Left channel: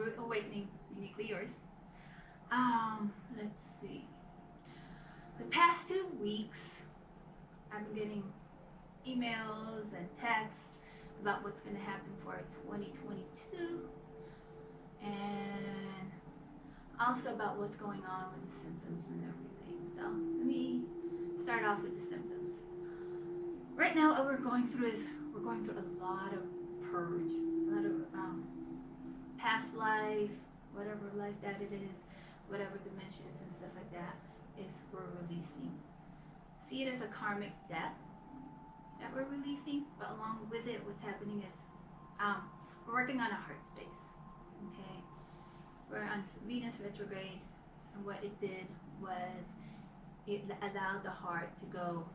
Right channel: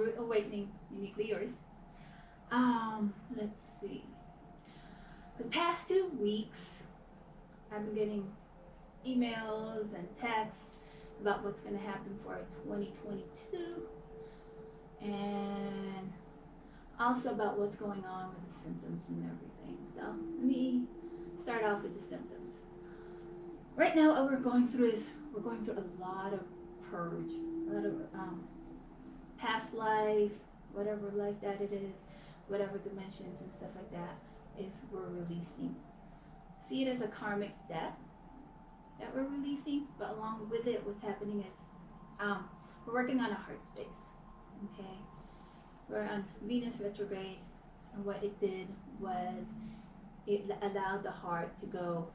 Root Awakening, Uniquely Yours. Let's see. The past 2 weeks, I've been getting emails and texts about what's going to happen for 2022, and also about what's going on with the symptoms and everything. So let me start off with the symptoms. Right now, what we're going through is we're going through a lot of purge, a lot of past life, whatever life that it is, whatever dimensions and stuff like that is we're releasing. See it as a karmic debt that we're releasing, but along with it, what's happening is we're working on a heart space. Okay, we're on Venus retrograde, and what it did was it allowed the heart to go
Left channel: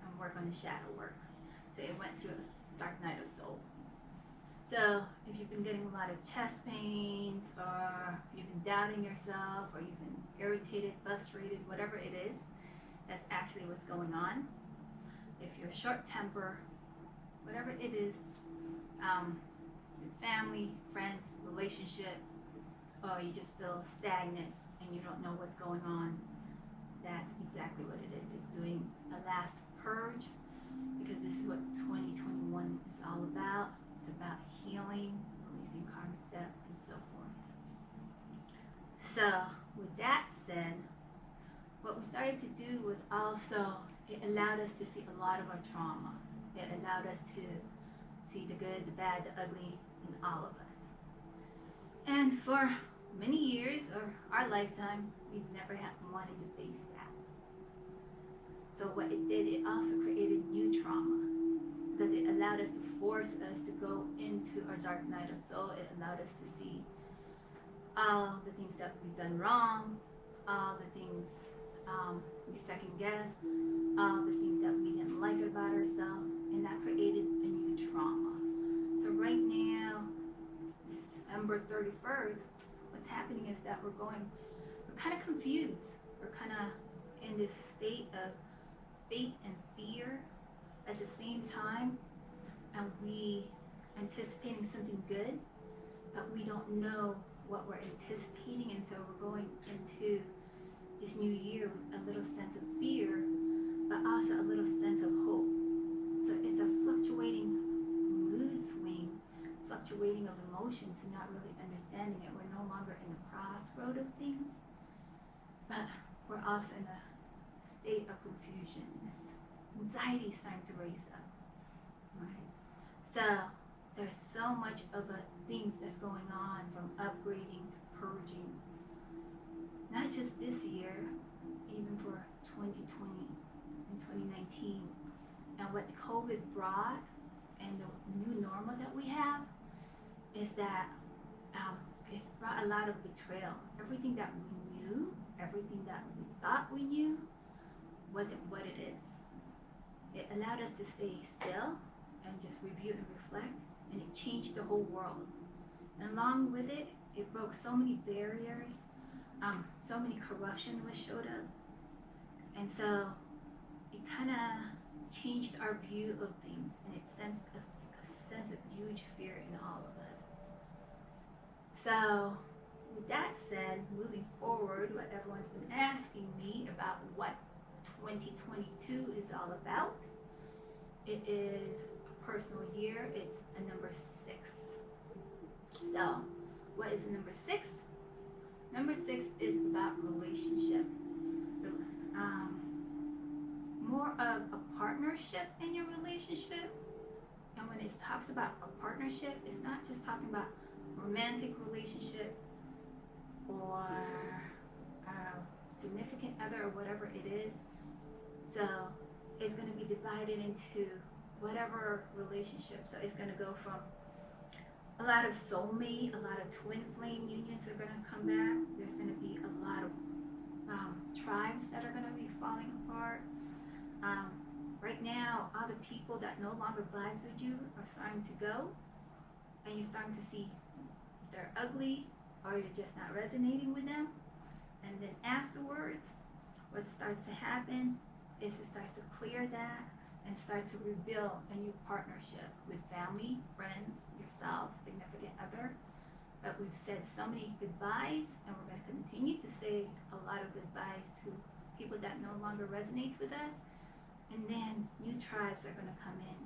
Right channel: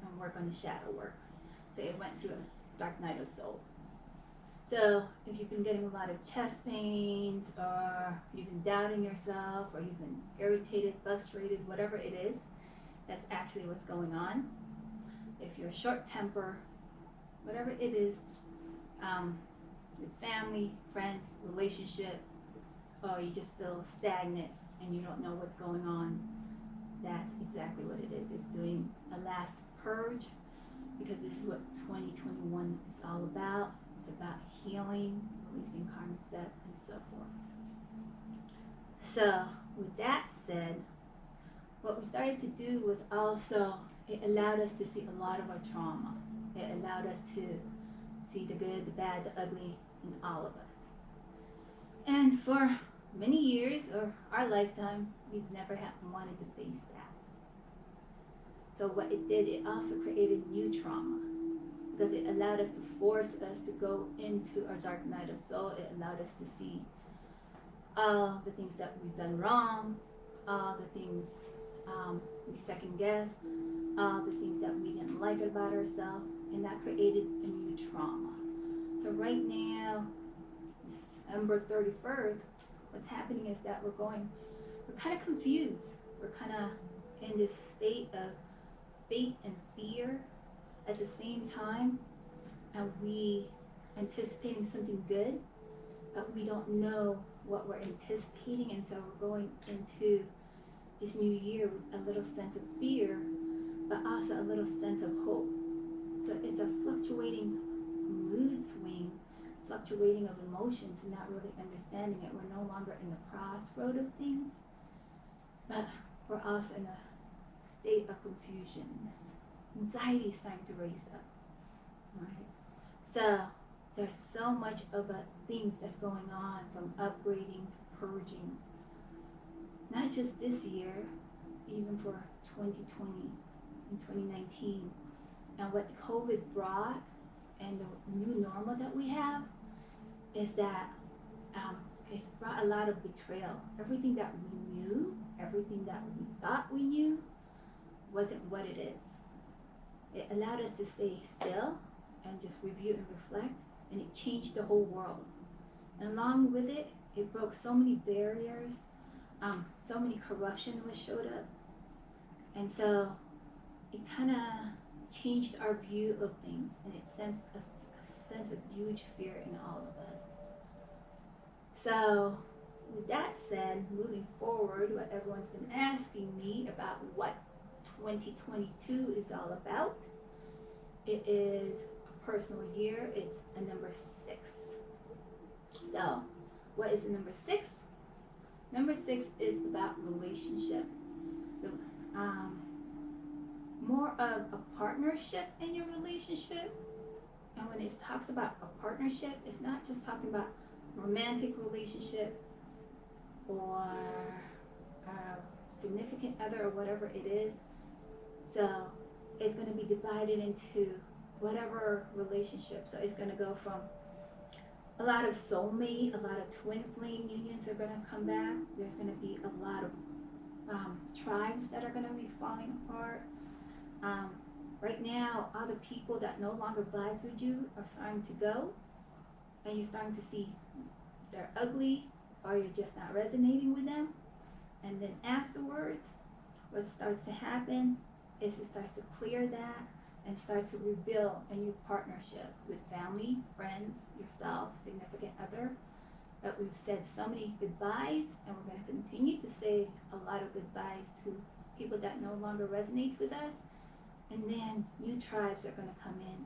and work on the shadow work. So it went through a dark night of soul. So if you've been getting a lot of chest pains, or you've been doubting yourself, or you've been irritated, frustrated, whatever it is, that's actually what's going on. If you're short temper, whatever it is, with family, friends, relationship, or you just feel stagnant and you don't know what's going on, that's exactly what it is. It's doing a last purge, because this is what 2021 is all about. It's about healing, releasing karmic debt, and so forth. So with that said, what we started to do was also, it allowed us to see a lot of our trauma. It allowed us to see the good, the bad, the ugly in all of us. And for many years, or our lifetime, we've never wanted to face that. So what it did, it also created new trauma, because it allowed us to force us to go into our dark night of soul. It allowed us to see all the things that we've done wrong, all the things we second guess, all the things that we didn't like about ourselves, and that created a new trauma. So right now, December 31st, what's happening is that we're kind of confused. We're kind of in this state of faith and fear at the same time, and we anticipating something good, but we don't know what we're anticipating, and so we're going into this new year with a little sense of fear, but also a little sense of hope. So it's a fluctuating mood swing, fluctuating of emotions, and not really understanding it. We're no longer in the crossroad of things, but we're also in a state of confusion. This anxiety is starting to raise up. All right. So there's so much of things that's going on, from upgrading to purging. Not just this year, even for 2020 and 2019, and what the COVID brought and the new normal that we have is that it's brought a lot of betrayal. Everything that we knew, everything that we thought we knew, wasn't what it is. It allowed us to stay still and just review and reflect, and it changed the whole world. And along with it, it broke so many barriers, so many corruption was showed up, and so it kind of changed our view of things, and it sensed a sense of huge fear in all of us. So with that said, moving forward, what everyone's been asking me about what 2022 is all about, it is a personal year. It's a number 6. So what is the number 6? Number 6 is about relationship. More of a partnership in your relationship. And when it talks about a partnership, it's not just talking about romantic relationship or a significant other or whatever it is. So it's going to be divided into whatever relationship. So it's going to go from a lot of soulmate, a lot of twin flame unions are going to come back. There's going to be a lot of tribes that are going to be falling apart. Right now, all the people that no longer vibes with you are starting to go, and you're starting to see they're ugly, or you're just not resonating with them. And then afterwards, what starts to happen is it starts to clear that and starts to rebuild a new partnership with family, friends, yourself, significant other. But we've said so many goodbyes, and we're going to continue to say a lot of goodbyes to people that no longer resonates with us. And then new tribes are going to come in,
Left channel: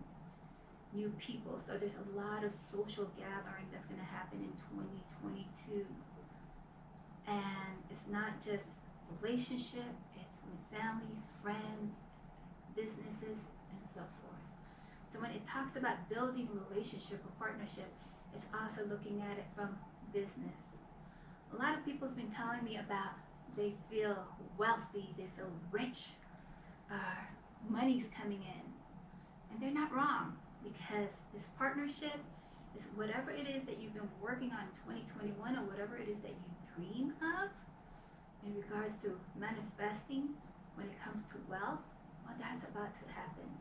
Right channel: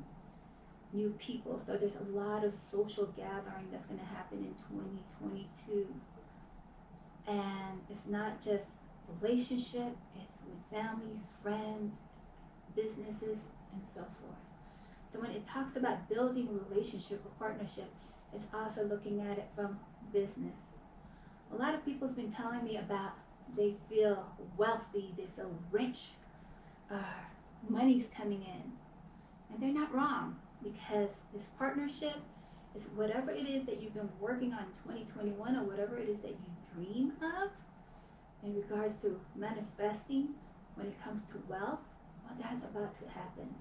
new people. So there's a lot of social gathering that's going to happen in 2022. And it's not just relationship, it's with family, friends, businesses, and so forth. So when it talks about building a relationship or partnership, it's also looking at it from business. A lot of people's been telling me about they feel wealthy, they feel rich, money's coming in. And they're not wrong, because this partnership is whatever it is that you've been working on in 2021, or whatever it is that you dream of in regards to manifesting when it comes to wealth. Well, that's about to happen.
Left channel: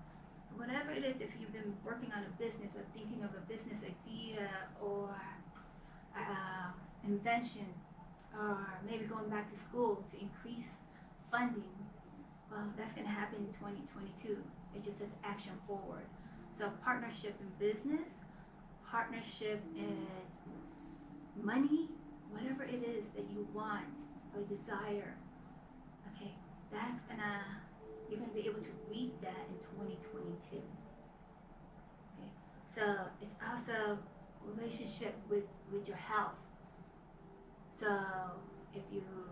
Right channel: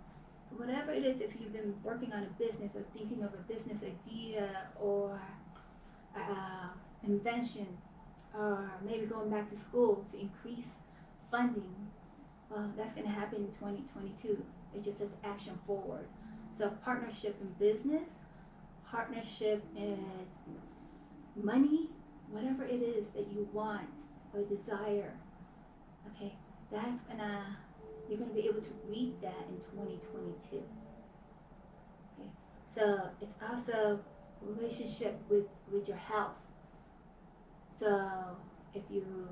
Whatever it is, if you've been working on a business or thinking of a business idea or invention, or maybe going back to school to increase funding, well, that's going to happen in 2022. It just says action forward. So partnership in business, partnership in money, whatever it is that you want or desire, okay, you're gonna be able to reap that in 2022. Okay, so it's also relationship with your health. So if you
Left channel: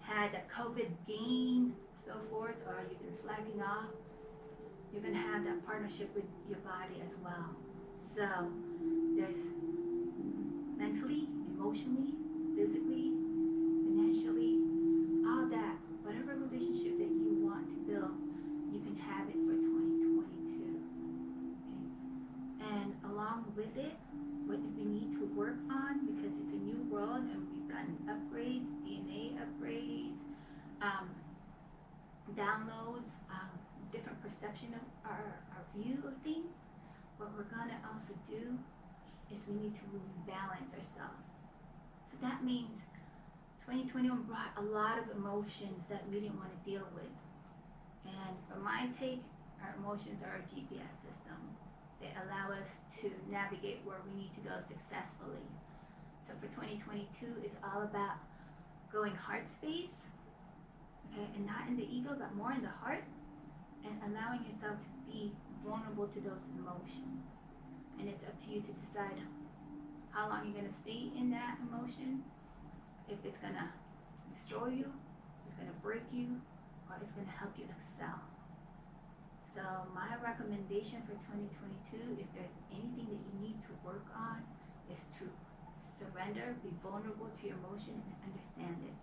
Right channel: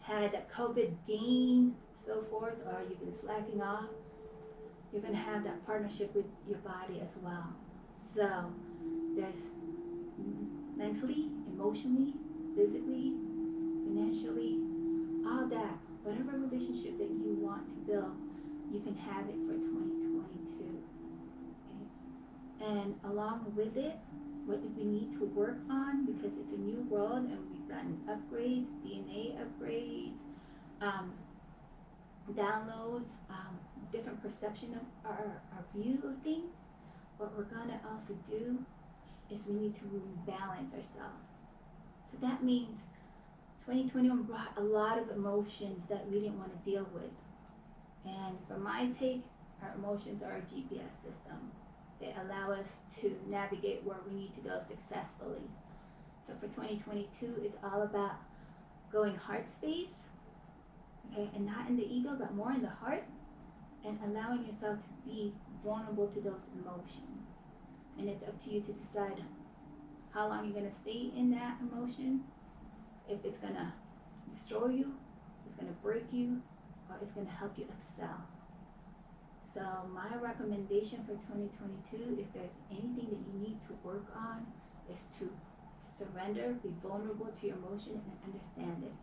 had that COVID gain, so forth, or you've been slacking off, you're gonna have that partnership with your body as well. So there's mentally, emotionally, physically, financially, all that. Whatever relationship that you want to build, you can have it for 2022. Okay? And along with it, what we need to work on, because it's a new world and we've gotten upgrades, DNA upgrades, downloads, different perception of our view of things. What we're going to also do is we need to rebalance ourselves. So that means 2021 brought a lot of emotions that we didn't want to deal with. And from my take, our emotions are a GPS system. They allow us to navigate where we need to go successfully. So for 2022, it's all about going heart space, okay, and not in the ego, but more in the heart, and allowing yourself to be vulnerable to those emotions. And it's up to you to decide how long you're going to stay in that emotion. If it's going to destroy you, it's going to break you, or it's going to help you excel. So my recommendation for 2022, if there's anything that you need to work on, is to surrender, be vulnerable to your emotion, and understand it.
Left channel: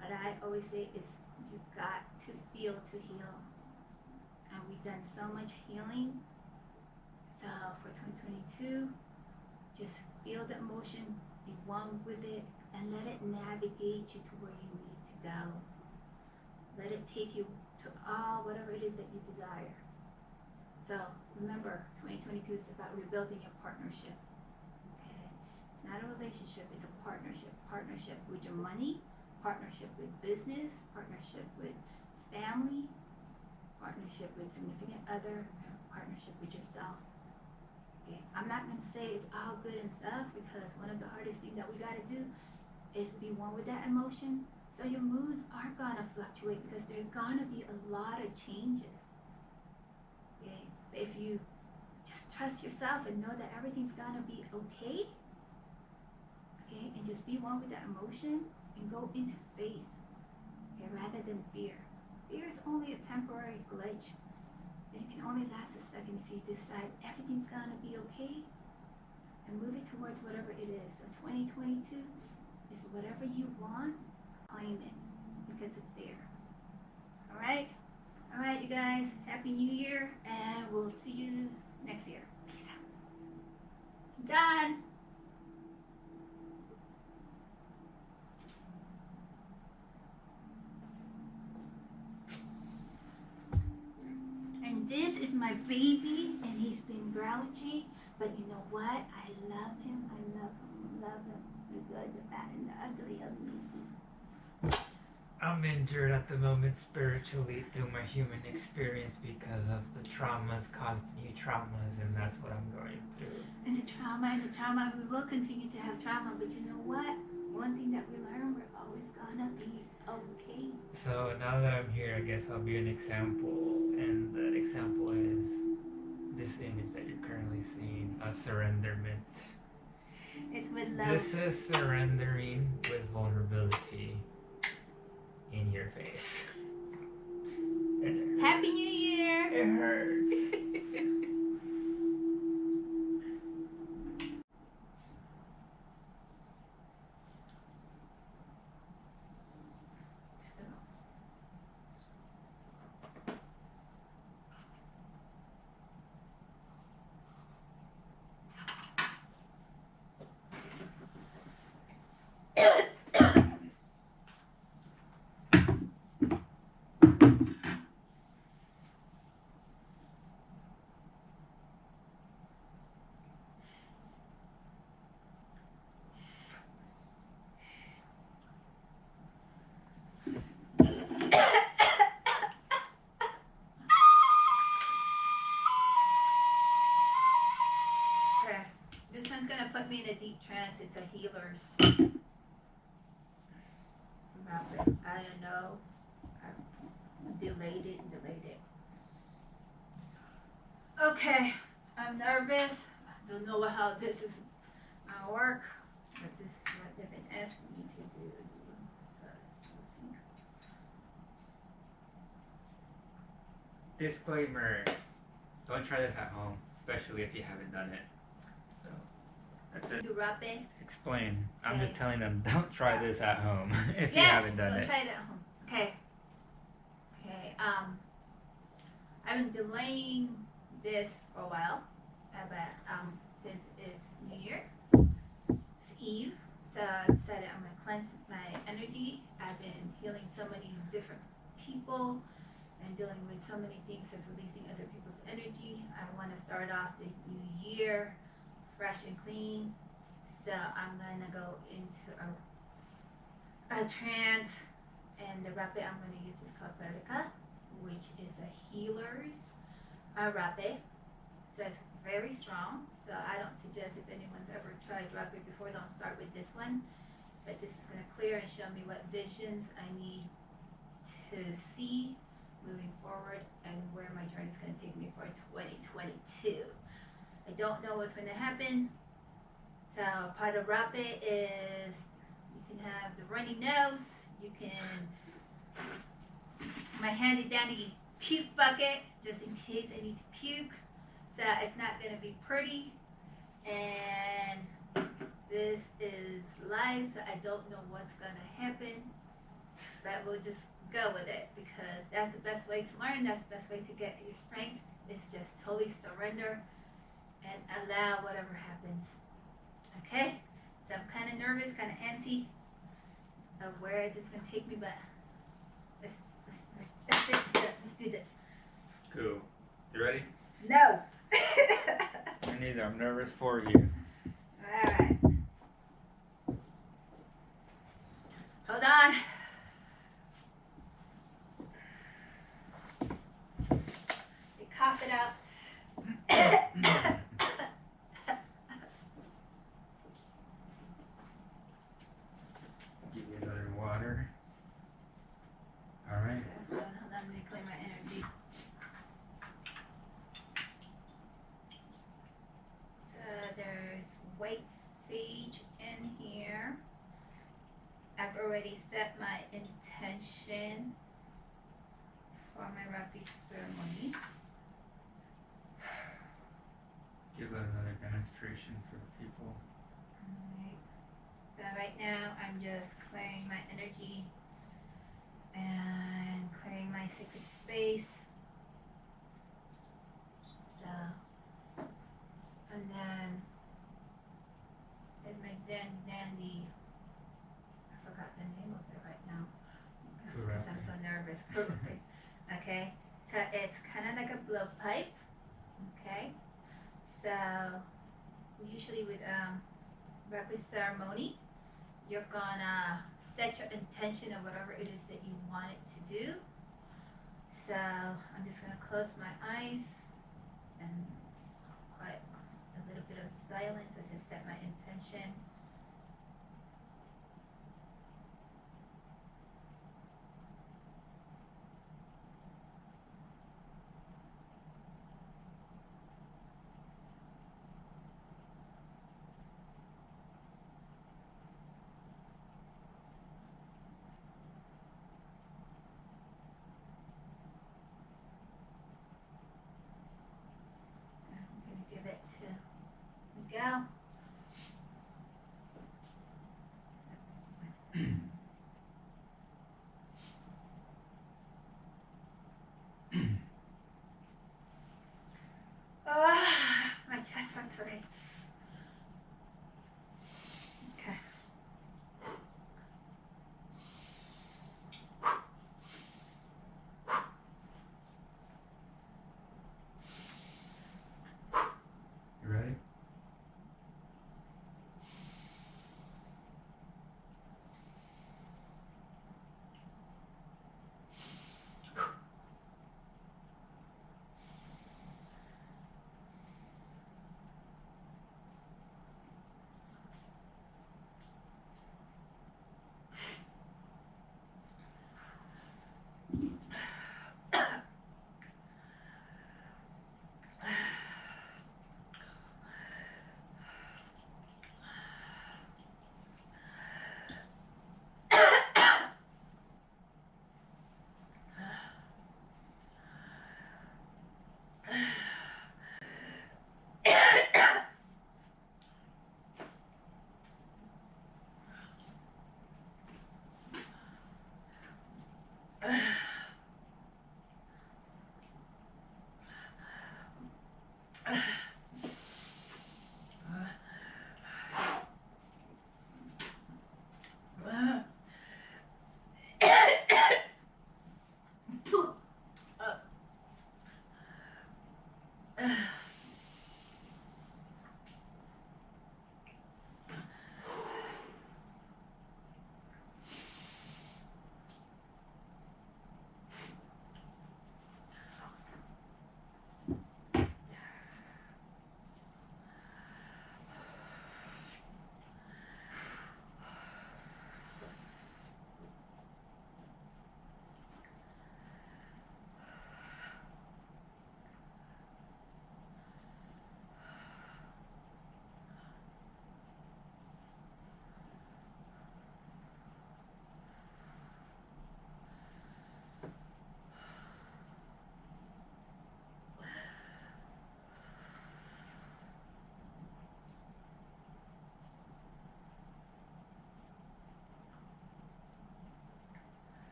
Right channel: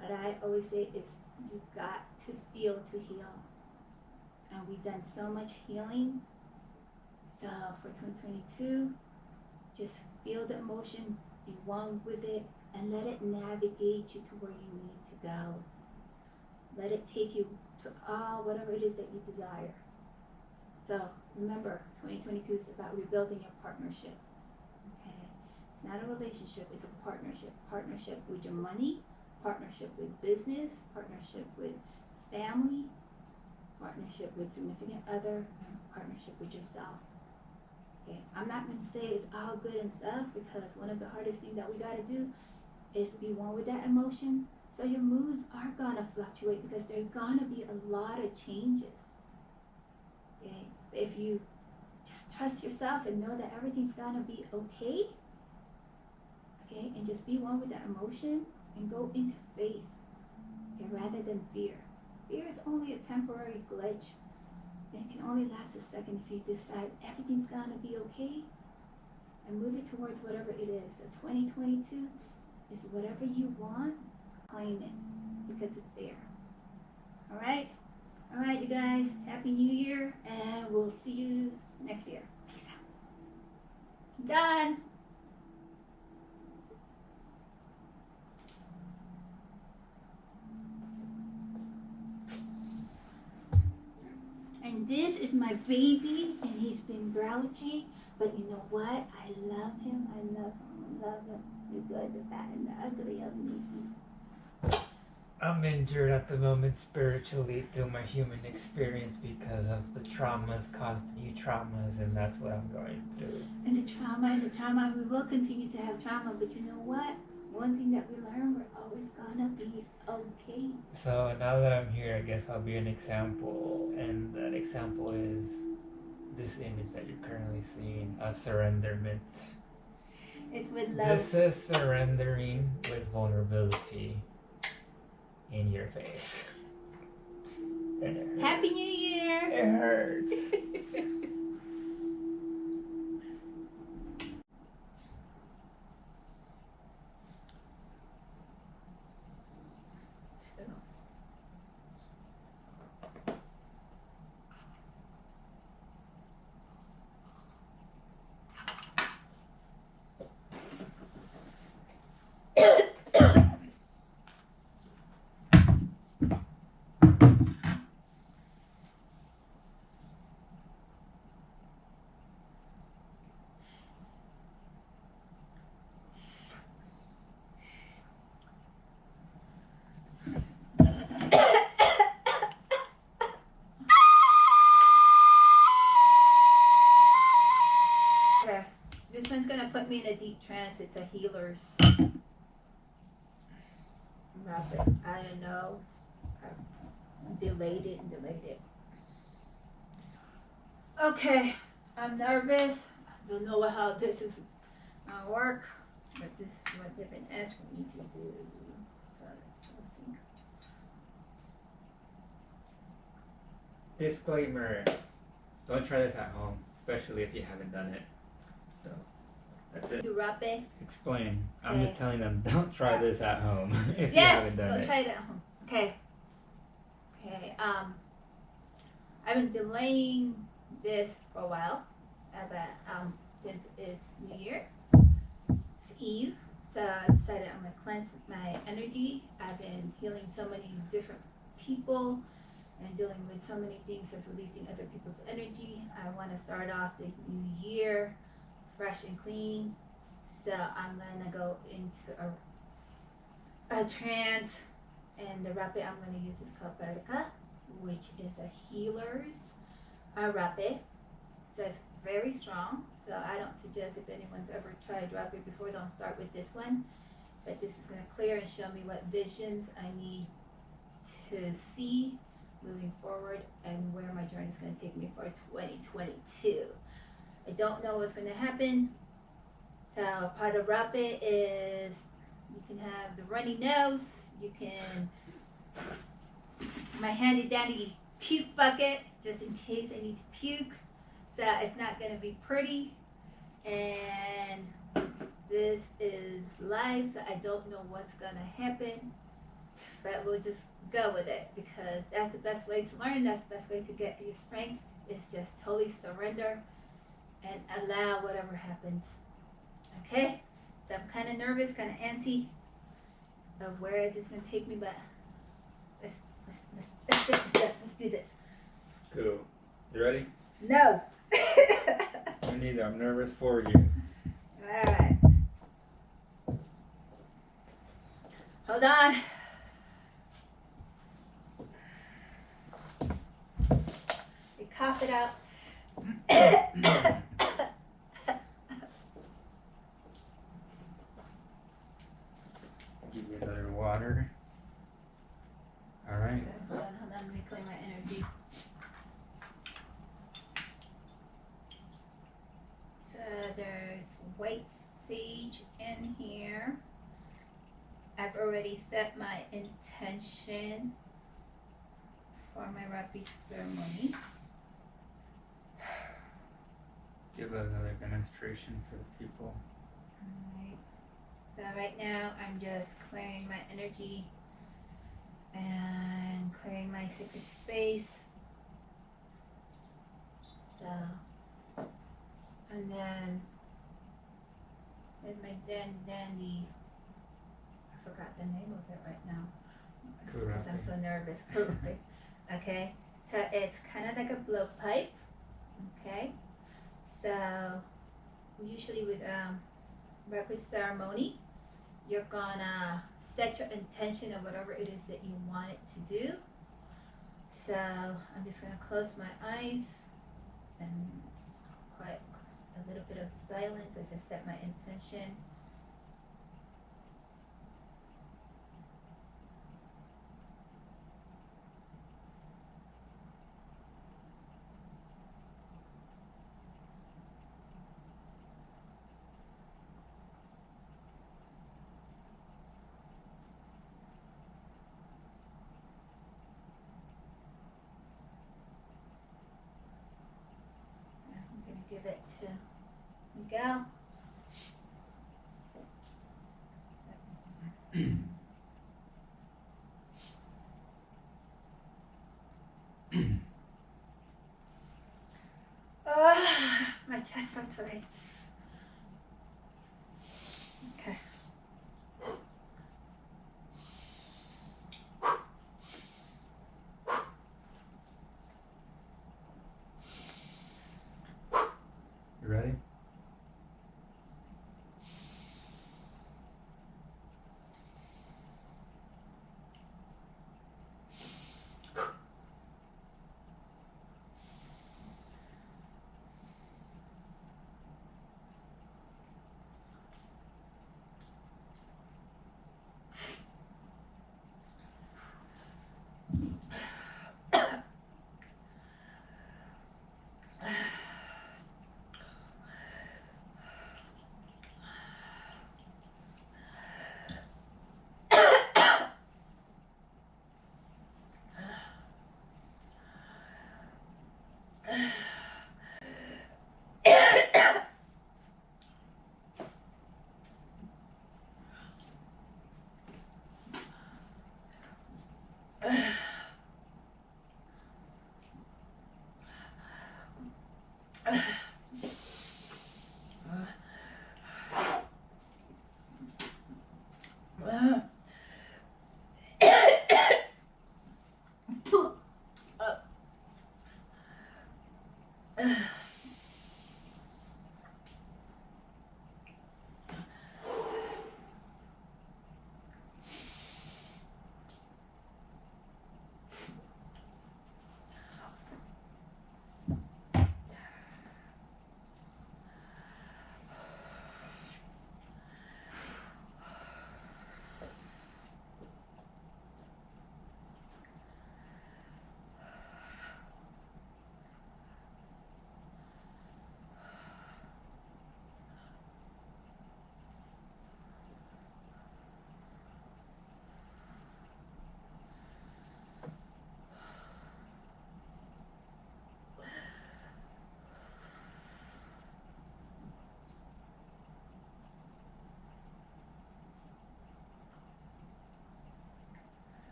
What I always say is you've got to feel to heal. And we've done so much healing. So for 2022, just feel the emotion, be one with it, and let it navigate you to where you need to go. Let it take you to whatever it is that you desire. So remember, 2022 is about rebuilding your partnership. Okay, it's not a relationship, it's a partnership. Partnership with your money, partnership with business, partnership with family, partnership with significant other, and partnership with yourself. Okay, I'm not going to say it's all good and stuff, because one of the hardest things that we got to do is be one with that emotion. So your moods are going to fluctuate, because there's going to be a lot of changes. Okay, but if you just trust yourself and know that everything's going to be okay, okay, and just be one with that emotion and go into faith, okay, rather than fear. Fear is only a temporary glitch, and it can only last a second if you decide everything's going to be okay and move it towards whatever it is. So 2022 is whatever you want, claim it, because it's there. All right, you guys, Happy New Year, and we'll see you next year. Peace out. Done. And this is my baby, and he's been grouchy, but you know what? I love him. The good, the bad, and the ugly of me. I'm injured at the moment spiritually through my human experience because of the traumas caused new traumas, and that's what I'm going through. And the trauma, we will continue to have trauma, but you know what? One thing that we learn, we're always gonna be okay. So now that I'm here, I guess I'll be an example, and that example is this image that you're currently seeing, a surrenderment. It's with love. This is surrendering with vulnerability in your face. And it hurts. Happy New Year! It hurts. Okay, this one's gonna put me in a deep trance. It's a healer's rapid. I don't know. I delayed it. Okay, I'm nervous. I don't know how this is gonna work, but this is what they've been asking me to do. So let's see. Disclaimer, don't try this at home, especially if you haven't done it. So, that's it. Do rapid. Explain. I'm Okay. just telling them, don't try this at home if you haven't done don't it. try it at home. Okay. I've been delaying this for a while, but since it's New Year, it's Eve, so I decided I'm gonna cleanse my energy. I've been healing so many different people and dealing with so many things of releasing other people's energy. I want to start off the new year fresh and clean, so I'm gonna go into a trance, and the rapid I'm going to use is called Vertica, which is a healer's rapid. So it's very strong, so I don't suggest if anyone's ever tried rapid before, don't start with this one, but this is going to clear and show me what visions I need to see moving forward and where my journey is going to take me for 2022. I don't know what's going to happen. So part of rapid is you can have the runny nose, you can my handy dandy puke bucket just in case I need to puke. So it's not going to be pretty, and this is live, so I don't know what's going to happen, but we'll just go with it because that's the best way to learn. That's the best way to get your strength, is just totally surrender and allow whatever happens. Okay, so I'm kind of nervous, kind of antsy of where this is going to take me, but let's do this. Cool. You ready? No. Me neither. I'm nervous for you. All right. Hold on. You cough it out. Give you another water. All right. Hold on. Let me clean my energy. So there's white sage in here. I've already set my intention for my Rapi ceremony. Give it another demonstration for the people. Alright. So right now I'm just clearing my energy and clearing my sacred space. So, and then with my dandy, I forgot the name of it right now because I'm so nervous. Okay, so it's kind of like a blowpipe. Okay, so we usually with Rapi ceremony, you're gonna set your intention of whatever it is that you want it to do. So I'm just gonna close my eyes and quiet a little bit of silence as I set my intention. I'm gonna give it to Miguel. My chest hurts already. Okay. You ready?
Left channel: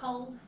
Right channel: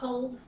cold.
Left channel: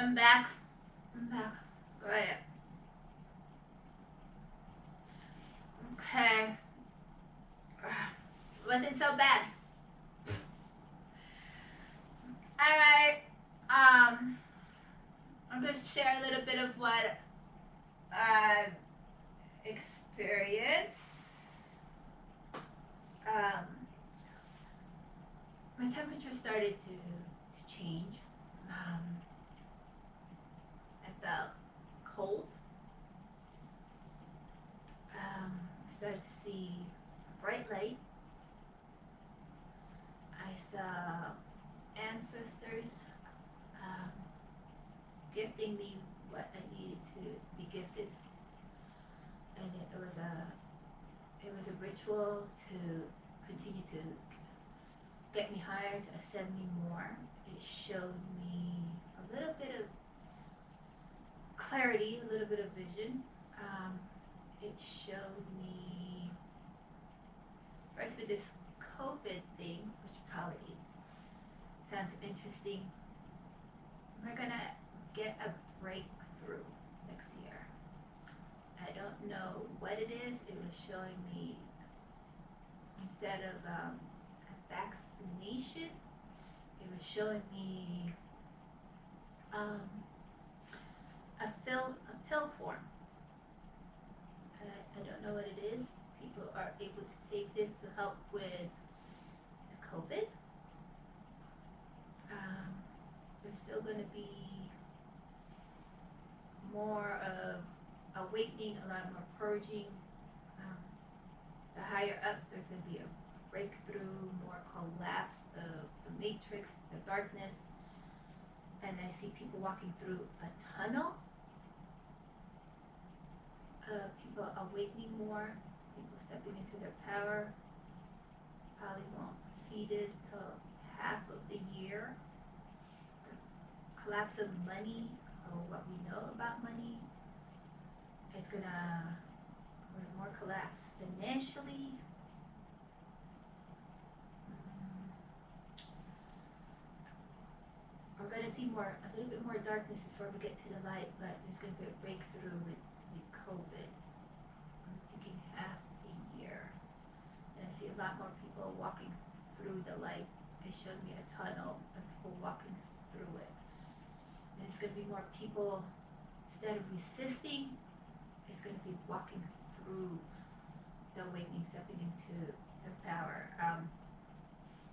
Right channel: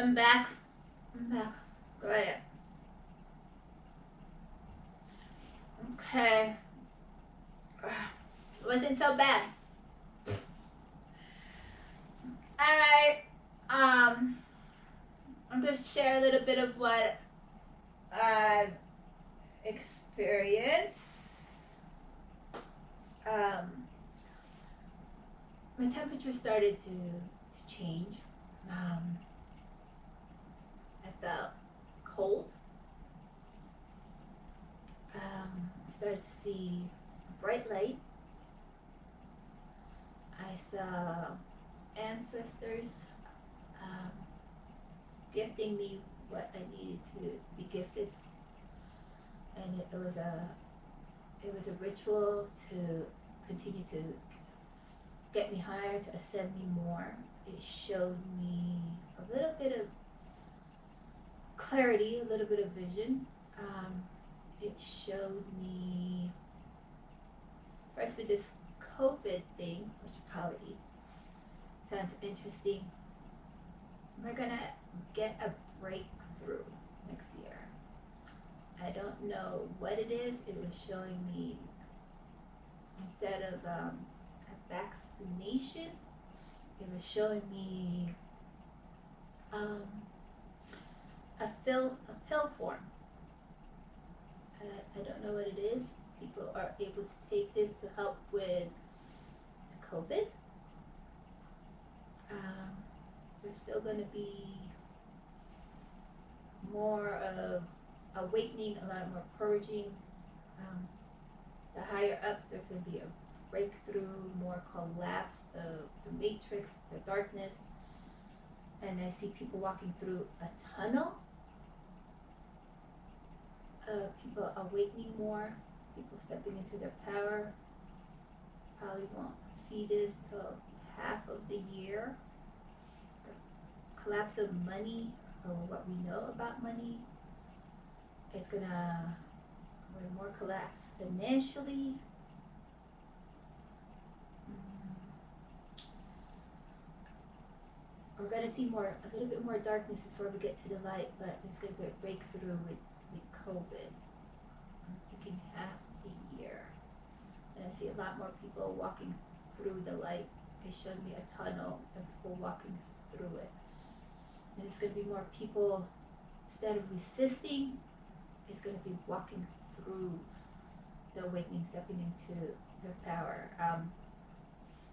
I'm back. Go ahead. Okay. It wasn't so bad. Alright. I'm going to share a little bit of what I've experienced. My temperature started to change. I felt cold. I started to see a bright light. I saw ancestors gifting me what I needed to be gifted, and it was a ritual to continue to get me higher, to ascend me more. It showed me a little bit of clarity, a little bit of vision. It showed me, first with this COVID thing, which probably sounds interesting, we're gonna get a breakthrough next year. I don't know what it is. It was showing me, instead of a vaccination, it was showing me a pill form. I don't know what it is. People are able to take this to help with the COVID. There's still going to be more of awakening, a lot more purging. The higher ups, there's going to be a breakthrough, more collapse of the matrix, the darkness. And I see people walking through a tunnel. People awakening more, people stepping into their power. Probably won't see this till half of the year. The collapse of money, or what we know about money, it's gonna more collapse financially. We're gonna see a little bit more darkness before we get to the light, but there's gonna be a breakthrough with COVID. I'm thinking half the year. And I see a lot more people walking through the light. It showed me a tunnel and people walking through it. And it's going to be more people, instead of resisting, it's going to be walking through the awakening, stepping into their power.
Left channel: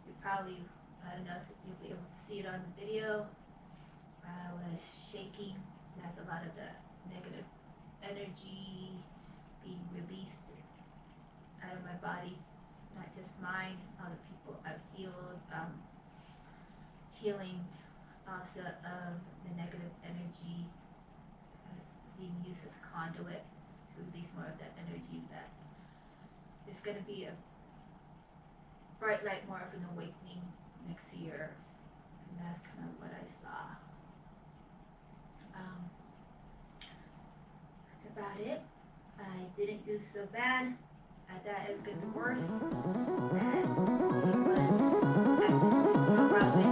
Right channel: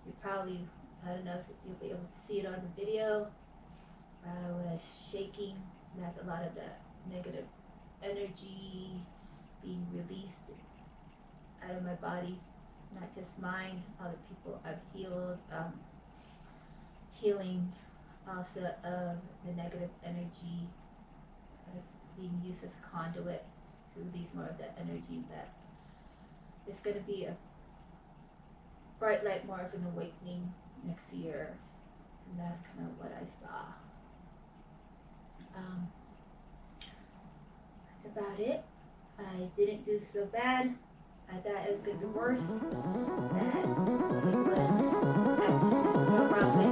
You probably, I don't know if you'll be able to see it on the video. I was shaking. That's a lot of the negative energy being released out of my body, not just mine, other people I've healed, healing also of the negative energy as being used as a conduit to release more of that energy. But there's going to be a bright light, more of an awakening next year, and that's kind of what I saw. That's about it. I didn't do so bad. I thought it was going to be worse. And it was actually sort of clarity,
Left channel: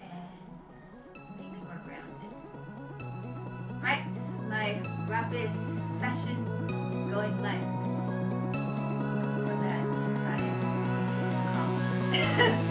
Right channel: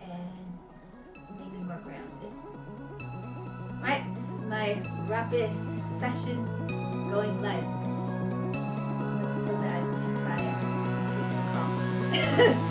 and made me more grounded. Right, this is my rapid session going live. It wasn't so bad. You should try it. It's calm.